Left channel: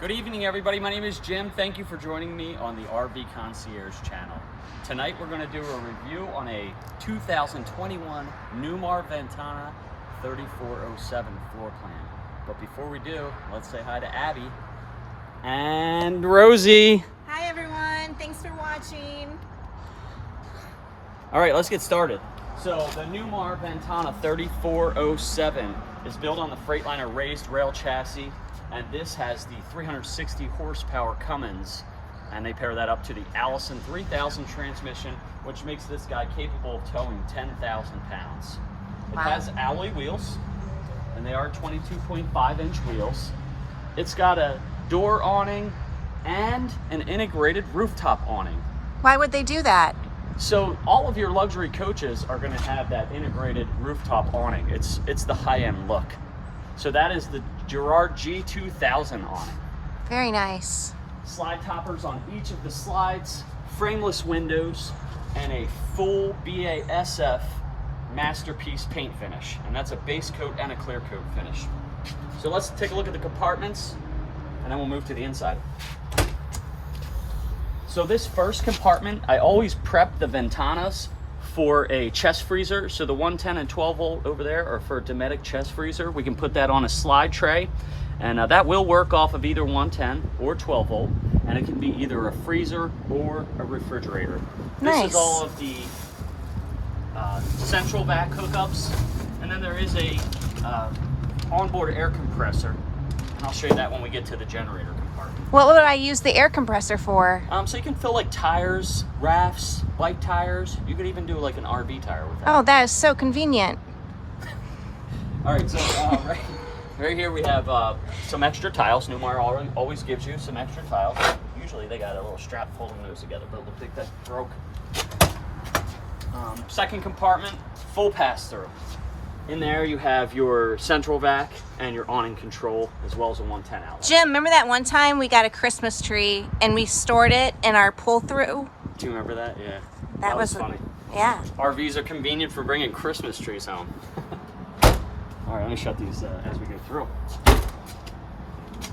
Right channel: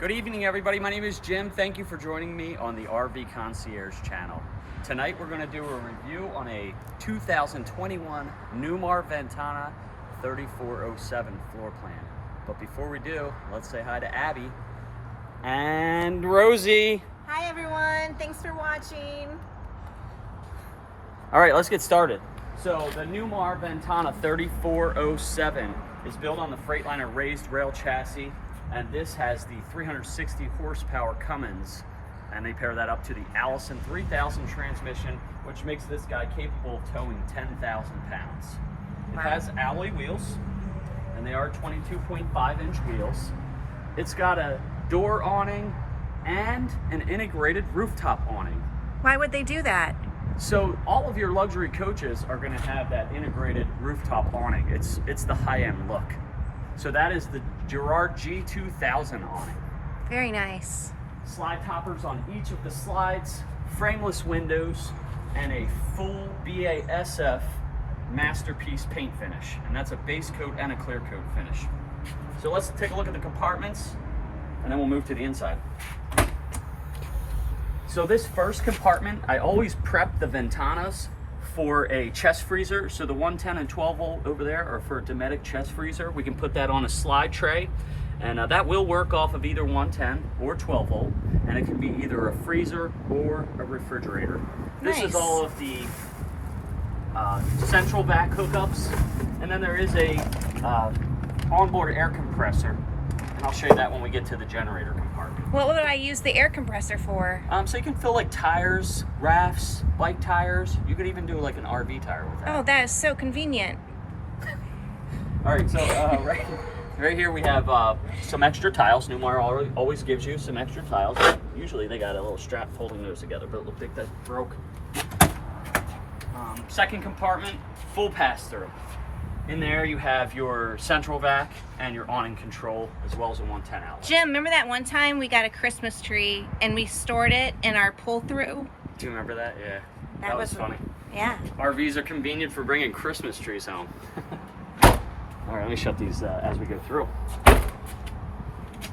Good evening, everybody. My name is Jim. Thank you for joining me on the RV Concierge channel. Tonight we're going to do a review on a 2021 Newmar Ventana 3407 floor plan. But before we do, let's say hi to Abby and Rosie. Hi everyone, thanks for watching. All right, let's get started. So the Newmar Ventana 3407 is built on the Freightliner raised rail chassis, and this has the 360 horsepower Cummins, and they pair that up to the Allison 3000 transmission, which makes this guy capable of towing 10,000 pounds. It has alloy wheels, and they are 22.5 inch wheels. It's got a door awning and an integrated rooftop awning. Why would they do that? So all of your luxury coaches are going to have that integrated rooftop awning. It's the high-end look. So that is the Girard G2000 awning. Very nice. Slide toppers on each of the slides, frameless windows, and a full BASF masterpiece paint finish. And that's a base coat and a clear coat finish. So let's take a look at the compartments, and then we'll move to the inside. So this first compartment, I always prep the Ventanas for a chest freezer. So the 110 and 12 volt over there are for a Dometic chest freezer. We can put that on a slide tray, and that will work off of either 110 or 12 volt, and it can be either a freezer or a refrigerator. Nice. This is all of the central vac hookups, and then there is a onboard air compressor, and I'll show you that when we get to the generator compartment. What would I use the air compressor for? So you can fill like tires, rafts, bike tires. You could even do like an RV tire with that. Oh, that is so convenient. All right, so right here we have some extra tiles. Newmar always gives you some extra tiles. Usually they got a little strap holding those together, but it looked like that broke. Second compartment, full pass-through. In there you have your central vac and your awning control, as well as a 110 outlet. Jim, remember that one time we got a Christmas tree and we stored it in our pull-through? Do you remember that? Yeah. That was was funny. Yeah. RVs are convenient for bringing Christmas trees home. All right, let me shut these as we go through.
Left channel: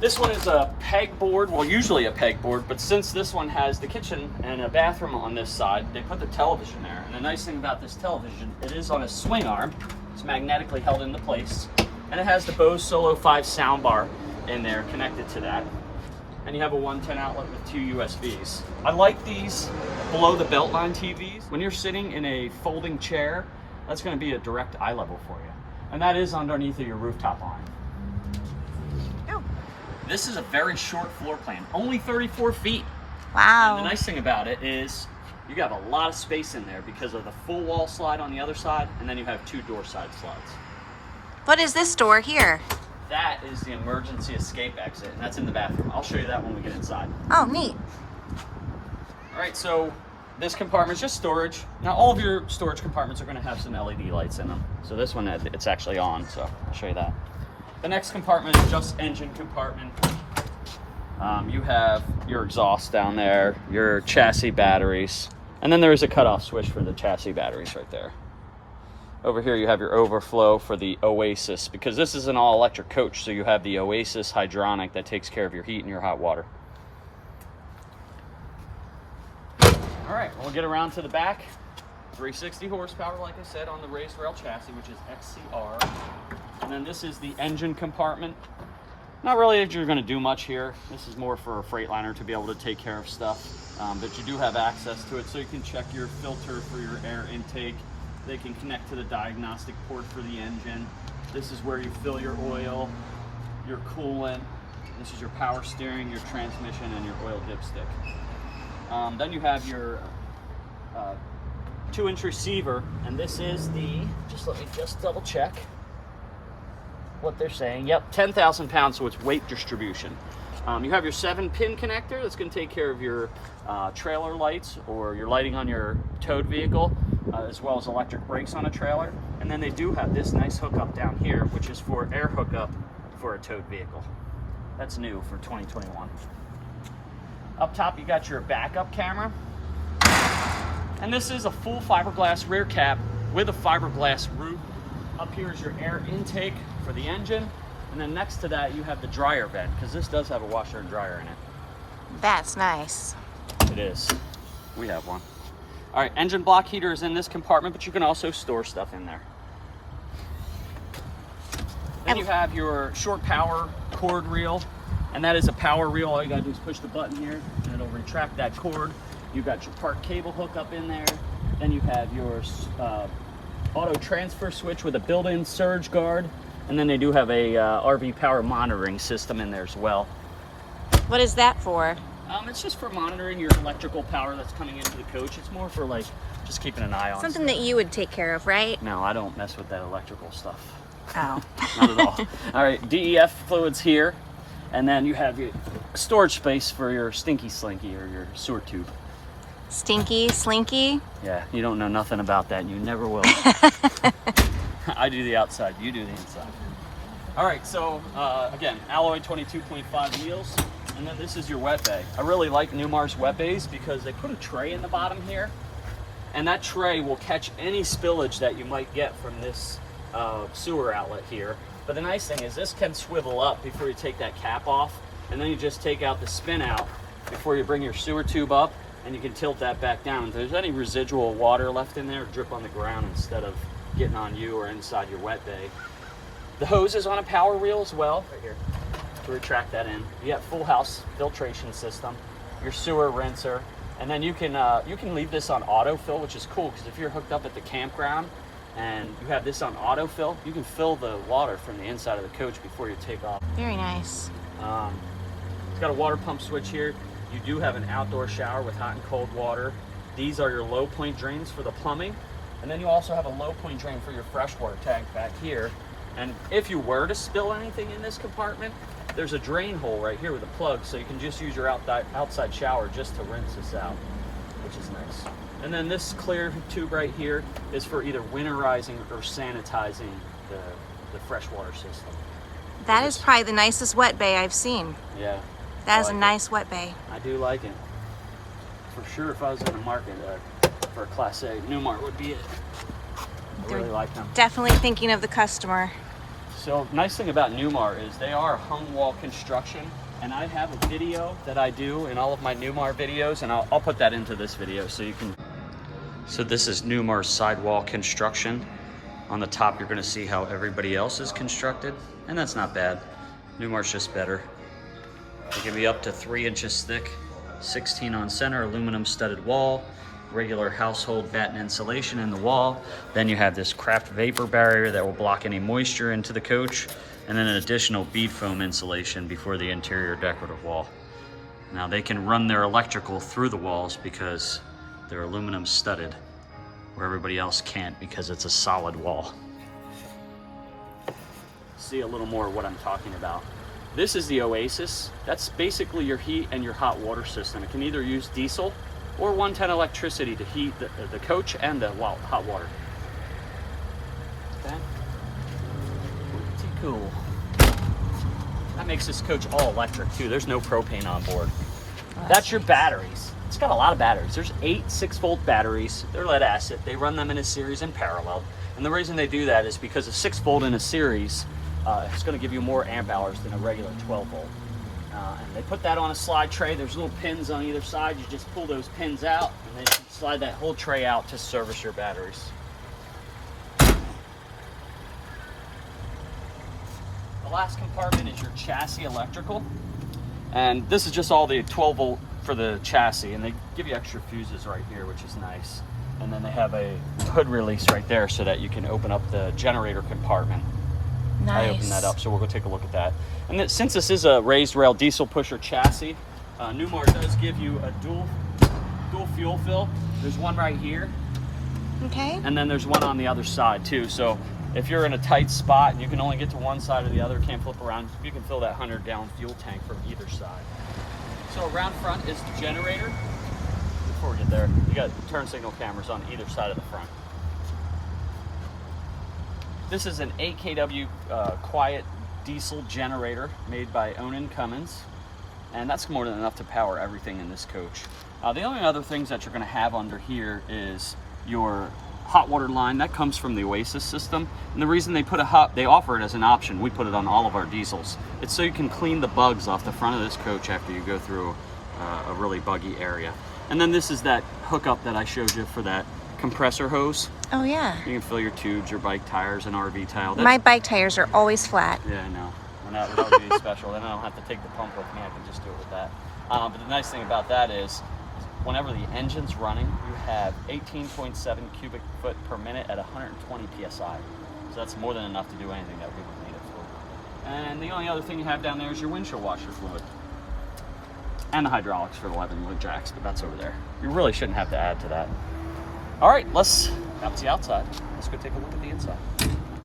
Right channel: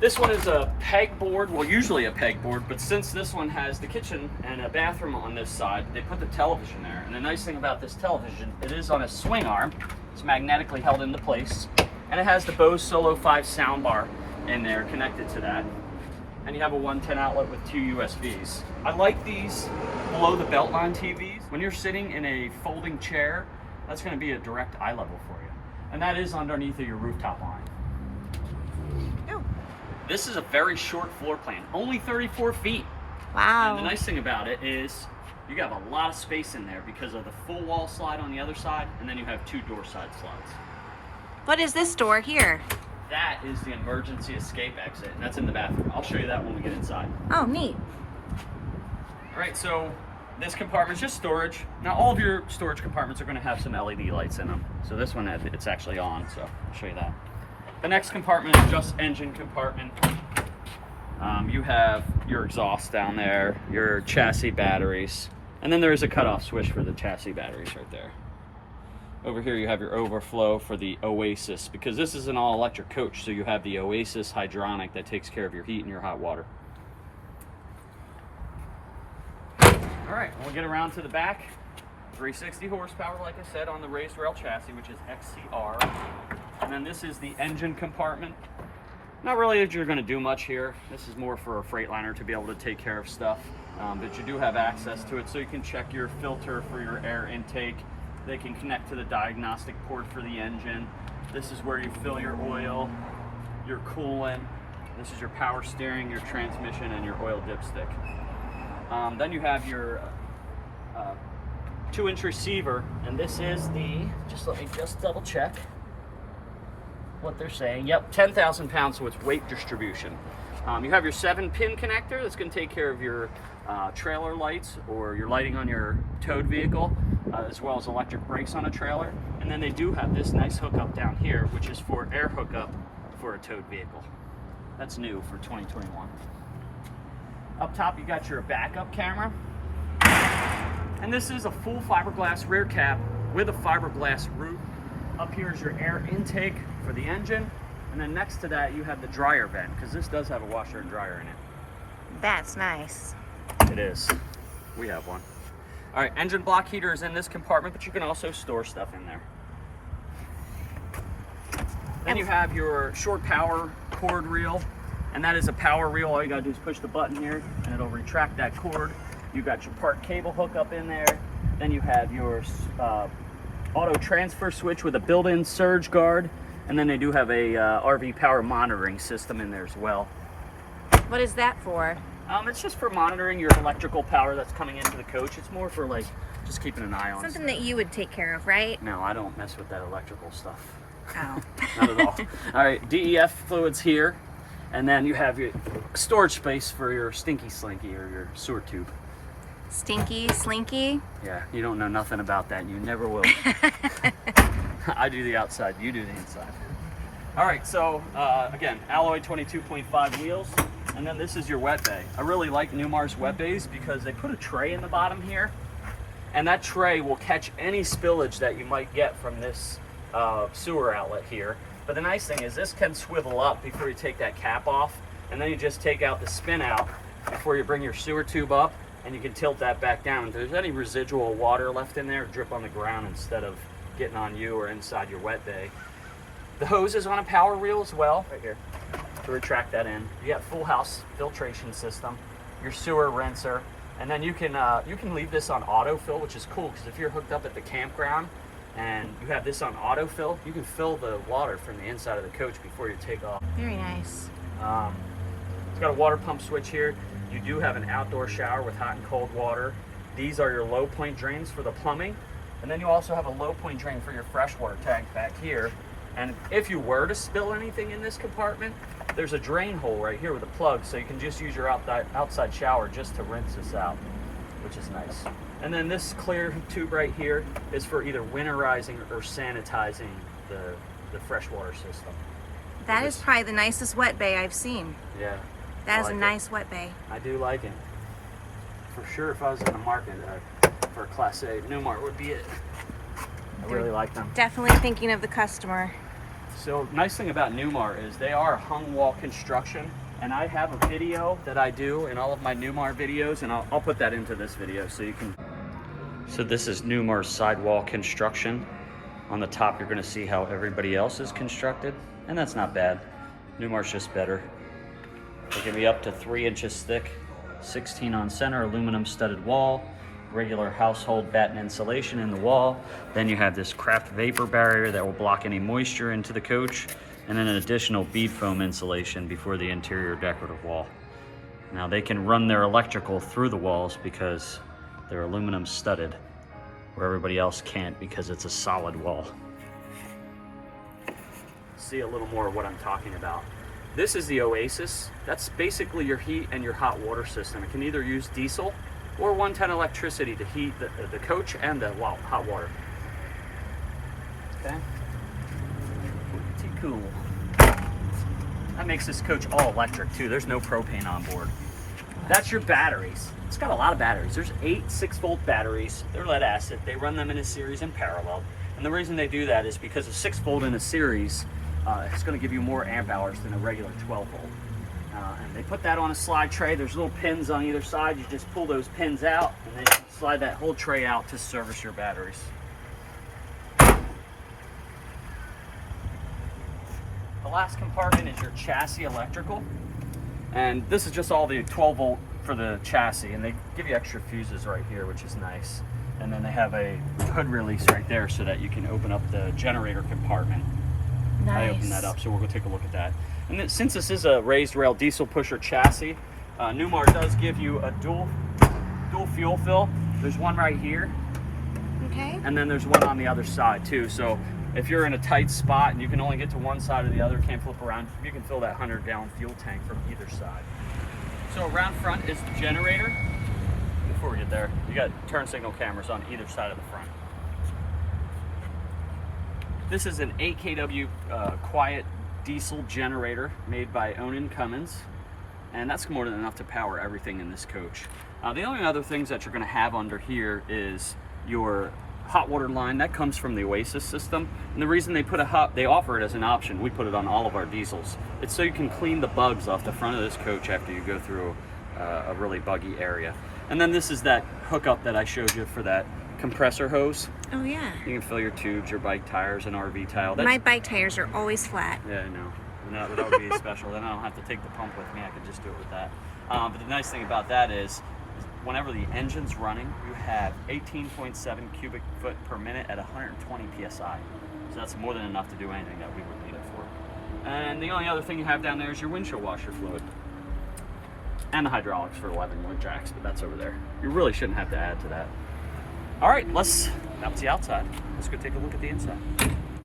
This one is a pegboard, well, usually a pegboard, but since this one has the kitchen and a bathroom on this side, they put the television there. And the nice thing about this television, it is on a swing arm. It's magnetically held into place, and it has the Bose Solo 5 soundbar in there connected to that. And you have a 110 outlet with 2 USBs. I like these below the beltline TVs. When you're sitting in a folding chair, that's going to be a direct eye level for you. And that is underneath of your rooftop line. Oh. This is a very short floor plan, only 34 feet. Wow. And the nice thing about it is you got a lot of space in there because of the full wall slide on the other side, and then you have 2 door side slides. What is this door here? That is the emergency escape exit, and that's in the bathroom. I'll show you that when we get inside. Oh, neat. All right, so this compartment is just storage. Now, all of your storage compartments are going to have some LED lights in them. So this one, it's actually on, so I'll show you that. The next compartment is just engine compartment. You have your exhaust down there, your chassis batteries, and then there's a cutoff switch for the chassis batteries right there. Over here you have your overflow for the Oasis, because this is an all-electric coach, so you have the Oasis hydronic that takes care of your heat and your hot water. All right, we'll get around to the back. 360 horsepower, like I said, on the raised rail chassis, which is XCR. And then this is the engine compartment. Not really that you're going to do much here. This is more for a Freightliner to be able to take care of stuff. But you do have access to it, so you can check your filter for your air intake. They can connect to the diagnostic port for the engine. This is where you fill your oil, your coolant. This is your power steering, your transmission, and your oil dipstick. Then you have your 2-inch receiver, and this is the, let me double check what they're saying. Yep, 10,000 pounds, so it's weight distribution. You have your 7-pin connector that's going to take care of your trailer lights or your lighting on your towed vehicle, as well as electric brakes on a trailer. And then they do have this nice hookup down here, which is for air hookup for a towed vehicle. That's new for 2021. Up top, you got your backup camera. And this is a full fiberglass rear cap with a fiberglass roof. Up here is your air intake for the engine. And then next to that, you have the dryer vent, because this does have a washer and dryer in it. That's nice. It is. We have one. All right, engine block heater is in this compartment, but you can also store stuff in there. Then you have your short power cord reel, and that is a power reel. All you gotta do is push the button here, and it'll retract that cord. You've got your park cable hook up in there. Then you have your auto transfer switch with a built-in surge guard, and then they do have a RV power monitoring system in there as well. What is that for? It's just for monitoring your electrical power that's coming into the coach. It's more for like just keeping an eye on Something stuff. that you would take care of, right? No, I don't mess with that electrical stuff. Oh. Not at all. All right, DEF fluids here, and then you have your storage space for your stinky slinky or your sewer tube. Stinky, slinky? Yeah, you don't know nothing about that, and you never will. I do the outside, you do the inside. All right, so again, alloy 22.5 wheels, and then this is your wet bay. I really like Newmar's wet bays because they put a tray in the bottom here, and that tray will catch any spillage that you might get from this sewer outlet here. But the nice thing is this can swivel up before you take that cap off, and then you just take out the spin out before you bring your sewer tube up, and you can tilt that back down. If there's any residual water left in there, drip on the ground instead of getting on you or inside your wet bay. The hose is on a power reel as well, right here, to retract that in. You got full house filtration system, your sewer rinser, and then you can leave this on autofill, which is cool because if you're hooked up at the campground and you have this on autofill, you can fill the water from the inside of the coach before you take off. Very nice. It's got a water pump switch here. You do have an outdoor shower with hot and cold water. These are your low point drains for the plumbing. And then you also have a low point drain for your freshwater tank back here. And if you were to spill anything in this compartment, there's a drain hole right here with a plug, so you can just use your outside shower just to rinse this out, which is nice. And then this clear tube right here is for either winterizing or sanitizing the freshwater system. That is probably the nicest wet bay I've seen. Yeah. That is I a like nice wet bay. I do like it. For sure, if I was in the market for a Class A, Newmar would be it. I really like them. Definitely thinking of the customer. So nice thing about Newmar is they are hung wall construction, and I have a video that I do in all of my Newmar videos, and I'll put that into this video so you can. So this is Newmar's sidewall construction. On the top you're going to see how everybody else is constructed, and that's not bad. Newmar's just better. They can be up to 3 inches thick, 16 on center, aluminum studded wall, regular household batten insulation in the wall. Then you have this craft vapor barrier that will block any moisture into the coach, and then an additional bead foam insulation before the interior decorative wall. Now they can run their electrical through the walls because they're aluminum studded, where everybody else can't because it's a solid wall. See a little more of what I'm talking about. This is the Oasis. That's basically your heat and your hot water system. It can either use diesel or 110 electricity to heat the coach and the hot water. Okay. Pretty cool. That makes this coach all electric too. There's no propane on board. Oh, that's your batteries. It's got a lot of batteries. There's 8 6-volt batteries. They're lead acid. They run them in a series in parallel. And the reason they do that is because a 6-volt in a series it's going to give you more amp hours than a regular 12-volt. And they put that on a slide tray. There's little pins on either side. You just pull those pins out, and then you slide that whole tray out to service your batteries. The last compartment is your chassis electrical. And this is just all the 12-volt for the chassis. And they give you extra fuses right here, which is nice. And then they have a hood release right there so that you can open up the generator compartment. Nice. I opened that up, so we'll go take a look at that. And since this is a raised rail diesel pusher chassis, Newmar does give you a dual fuel fill. There's one right here. Okay. And then there's one on the other side too. So if you're in a tight spot and you can only get to one side or the other, can't flip around, you can fill that 100-gallon fuel tank from either side. So around front is the generator. Before we get there, you got turn signal cameras on either side of the front. This is an 8 kW quiet diesel generator made by Onan Cummins, and that's more than enough to power everything in this coach. The only other things that you're going to have under here is your hot water line that comes from the Oasis system, and the reason they offer it as an option, we put it on all of our diesels, it's so you can clean the bugs off the front of this coach after you go through a really buggy area. And then this is that hookup that I showed you for that compressor hose. Oh yeah. You can fill your tubes, your bike tires, and RV tile. My bike tires are always flat. Yeah, I know. And that would be special. Then I don't have to take the pump with me. I can just do it with that. But the nice thing about that is whenever the engine's running, you have 18.7 cubic foot per minute at 120 psi. So that's more than enough to do anything that we would need it for. And the only other thing you have down there is your windshield washer fluid. And the hydraulics for 11-wheel jacks, but that's over there. You really shouldn't have to add to that. All right, that was the outside. Let's go take a look at the inside.